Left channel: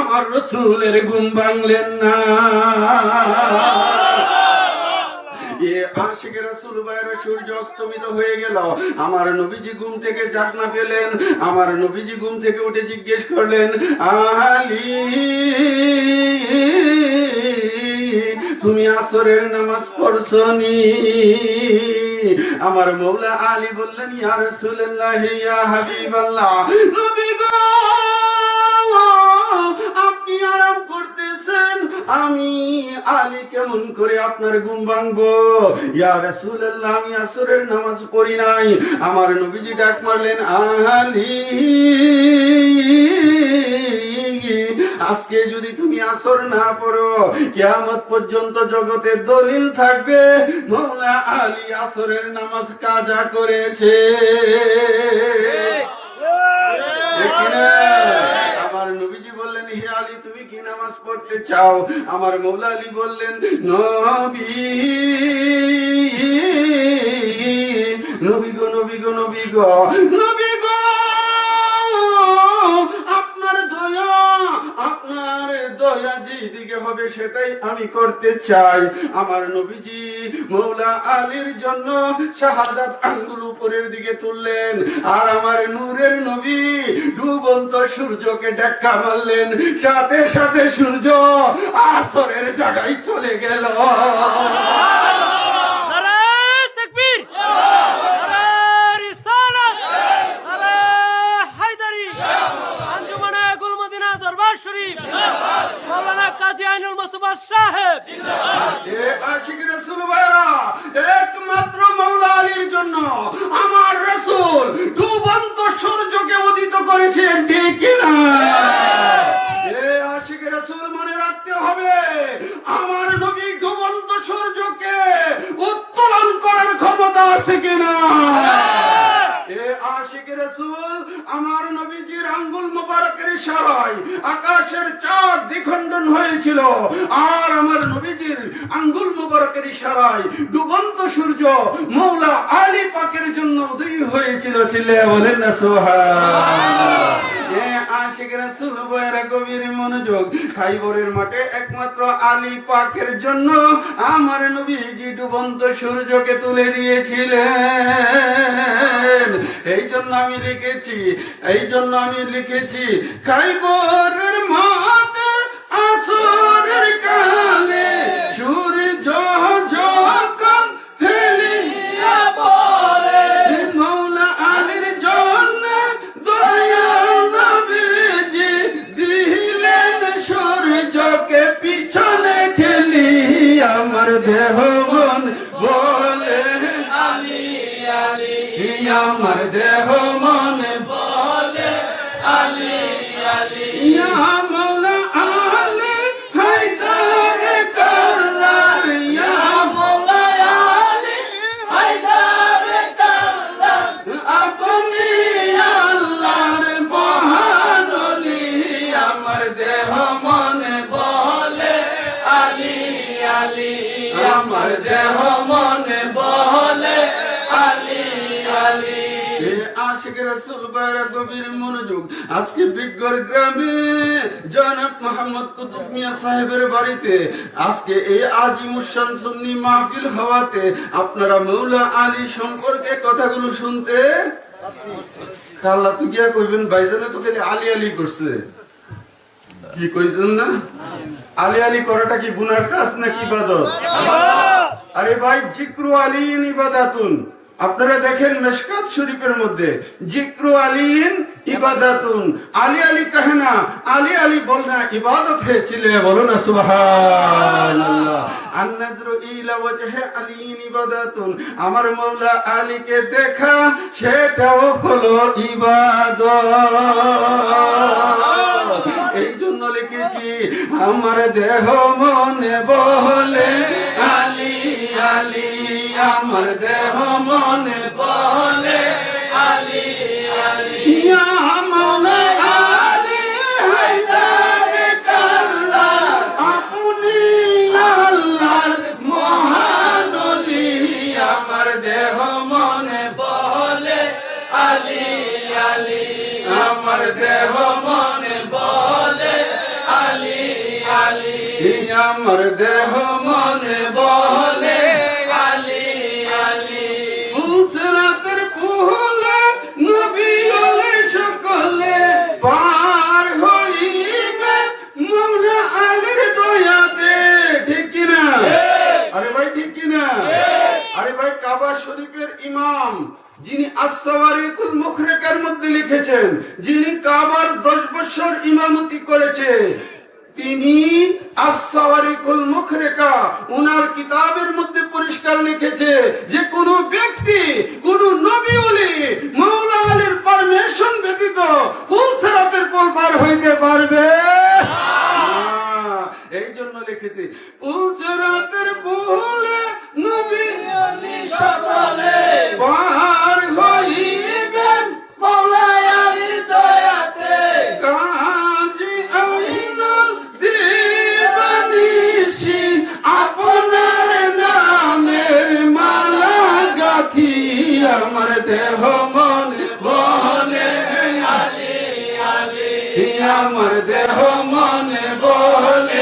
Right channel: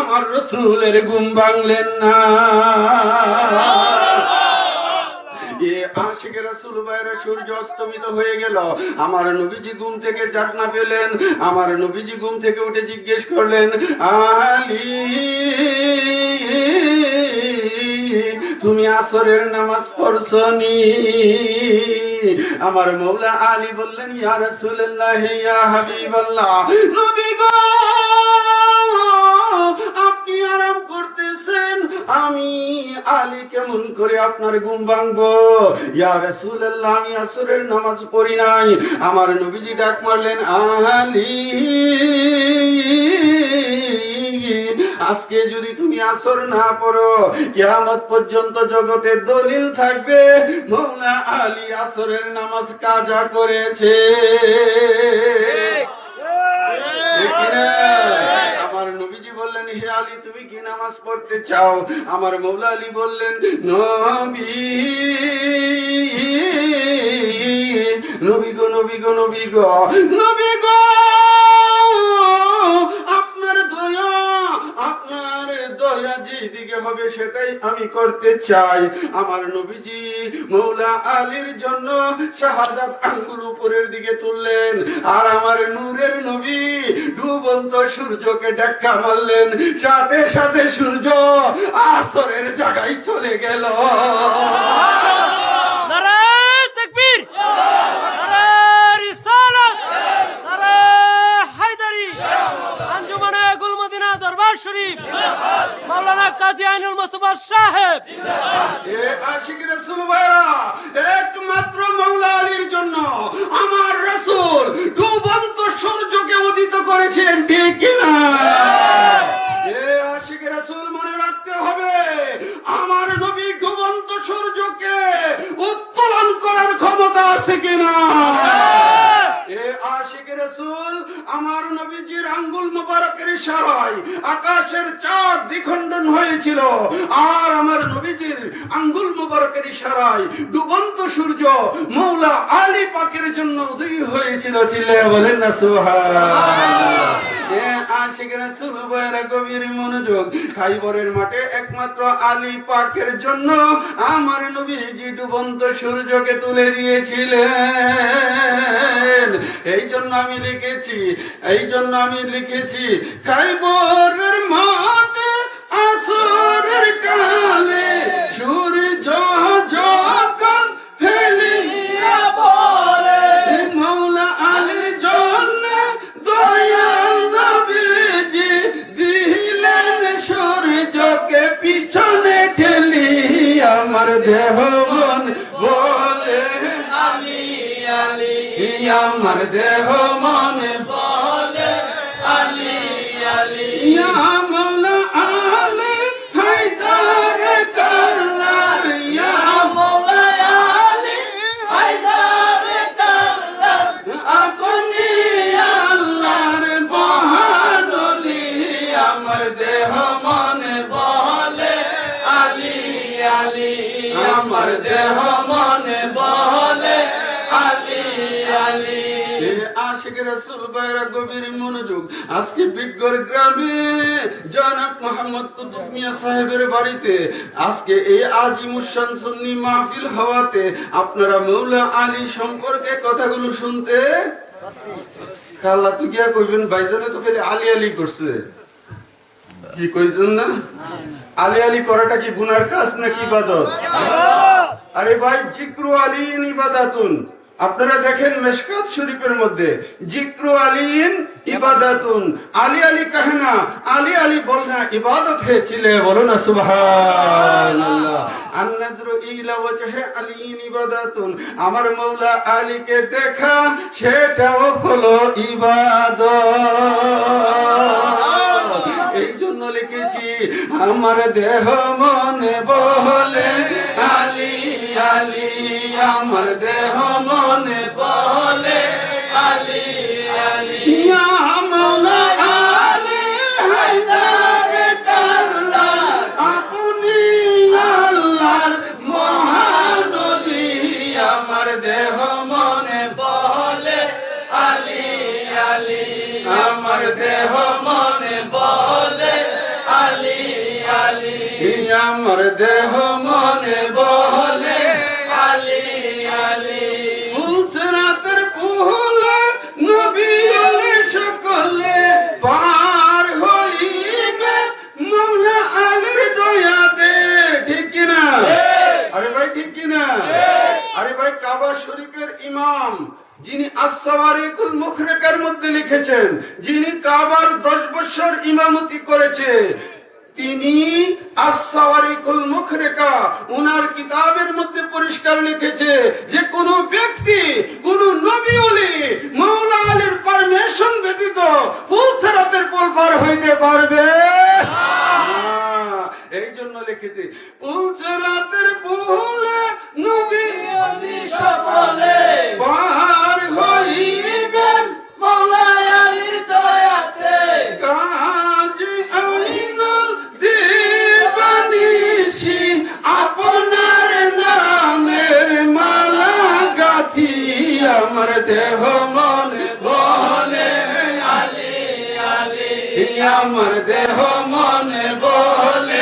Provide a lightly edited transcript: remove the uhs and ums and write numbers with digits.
আমার রাসূলের ঘুম ভাঙলেন না। আশিকে রাসূল ভাইরা সূর্য অস্তমিত হয়ে গেল। আমার নবীজি ঘুম থেকে জাগনা পেলেন। আমার নবীজি ঘুম থেকে উঠে জিজ্ঞেস করলেন, আলী তুমি আসরের নামাজ পড়ছনি? আমার মওলা আলী বললেন, ইয়া রাসূলুল্লাহ ইয়া হাবিবাল্লাহ, নবী গো আপনি আরাম করতেছেন, আমি আলী কেমন করে আপনার ঘুম ভাঙবো? ইয়া রাসূলুল্লাহ আমি আসরের নামাজ পড়ি নাই। আমার নবীজি ডাক মারলেন, আলী আজকে যদি তুমি আসর না পড়ো, কিয়ামত পর্যন্ত জগতের দলিল থাকবে মওলা আলী আসরের নামাজ কাজা করেছে। আমার নবীজি বললেন, হে আলী তুমি কি নামাজ পড়তে চাও? আমার মওলা আলী বললেন, নবী নবী গো নবী গো নবী গো নবী গো আপনার দয়া যেদিকে হবে সেটাই আমি করতে চাই। আমার নবীজি মওলা আলীর জন্য শাহাদাত আঙ্গুল উপরের দিকে তুললেন, আর আমার নূরের নবী ডুবন্ত সূর্যকে ধাক্কা মারলেন, সাথে সাথে সূর্য আসরের জায়গায় চলে গেল। একমাত্র মওলা আলীর জন্য আমার রাসূল ডুবন্ত সূর্যকে উদিত করেছেন, ঠিক কিনা? আশিক রাসূল মনে রাখতে হবে, আমার নবী ডুবন্ত সূর্যকে উত্তোলন করার ক্ষমতা আছে কিনা? আশিক রাসূল আমার নবীজির আঙ্গুল মোবারকের ইশারায় আকাশের চাঁদ দ্বিখণ্ডন হয়েছিল, আর আমার নবীজির আঙ্গুল মোবারকের ইশারায় ডুবন্ত সূর্য মওলা আলী পাকের জন্য উদয় হয়েছিল। চিল্লায়া বলেন না সুবহানাল্লাহ। আশিক রাসূল ভাইরা গভীর মনোযোগ, খাইবরের মাঠে একমাত্র আলী পাকের জন্য আমার নবীজি ডুবন্ত সূর্যকে তুলে দিয়েছিলেন। এই জন্য আমি লিখেছি খাইবরের মাঠে আসরের কালে সূর্য যখন ফেলিয়া পড়ে মওলা আলীর জন্য দয়া নবীজি দিলেন সূর্যকে পিছনে ঠেলি। আমার দেহ মন বলে আলী আলী, আমার দেহ মন বলে আলী আলী, মওলা আলী হায়দার কাররার, মওলা আলী হায়দার কাররার, আপনি আল্লাহর মহান ওলি। আমার দেহ মন বলে আলী আলী, আমার দেহ মন বলে আলী আলী। আশিক রাসূল ভাইরা গভীর মনোযোগ, আজকে বিজ্ঞর গ্রামে জনাব মোহাম্মদ কুতুব মিয়া সাহেবের বাড়িতে আজকে এই আজিমুশান সুন্নি মাহফিল হওয়াতে আপনারা মওলা আলী সম্পর্কে কথাগুলো শুনতে কাল্লা তো গিয়া কইবেন, ভাইজানে তো খালি আলী আলী করছে, কি কইছেন না? আলী আলী করাটা কি গুনার কাজ নাকি ইবাদত? আরে ভাই, জিক্রু আলীন ইবাদাতুন। আপনারা দেখেন মিশকাত শরীফের মধ্যে জিক্রু আলীন ইবাদাতুন, আলী আলী কহে না, আলী আলী বলনা ইবাদত है। চিলে বলো না সুবহানাল্লাহ। আন-নাজরু ইলা ওয়াজহি আলীন ইবাদাতুন, আমার মওলা আলীকে দেখা সেটাও হলো ইবাদত। এই জন্য লিখেছি আমার দেহ মনে বলে আলী আলী, আমার দেহ মনে বলে আলী আলী, মওলা আলী হায়দার কাররার, আপনি আল্লাহর মহান ওলি। আমার দেহ মনে বলে আলী আলী, আমার দেহ মনে বলে আমার দেহ মনে বলে আলী আলী ফুলসরাতের পুহলে নবী ওলে সকলে পার হইবে মওলা আলীর দয়াতে। ঠিক কিনা? আরে ভাই ঠিক কিনা? আরে ভাই কাবা শরীফের ইমাম যিনি আস-সাওয়ারিকুল মুখরেকার মধ্যে লিখেছেন, যিনি কাবার 10 বছর ইমামতি করেছে, তিনি আস-সাওয়ারিকুল মুখরেকা উনার কিতাবের মধ্যে পরিষ্কার লিখেছে যে কোন ব্যক্তি কোন নবী ওলি মাওলা আলীর পারমিশন ব্যতীত ফুলসরাতের পুল পার হইতে পারবে না। এই জন্য লিখেছে ফুলসরাতের পুলে নবী ওলি সকলে পার হইবেন মওলা আলী দয়াতে। কাজী আইনুল দিবানিসি আপনার নামের মালা গাথি আমার দেহ মন বলে আলী আলী আমার দেহ মন বলে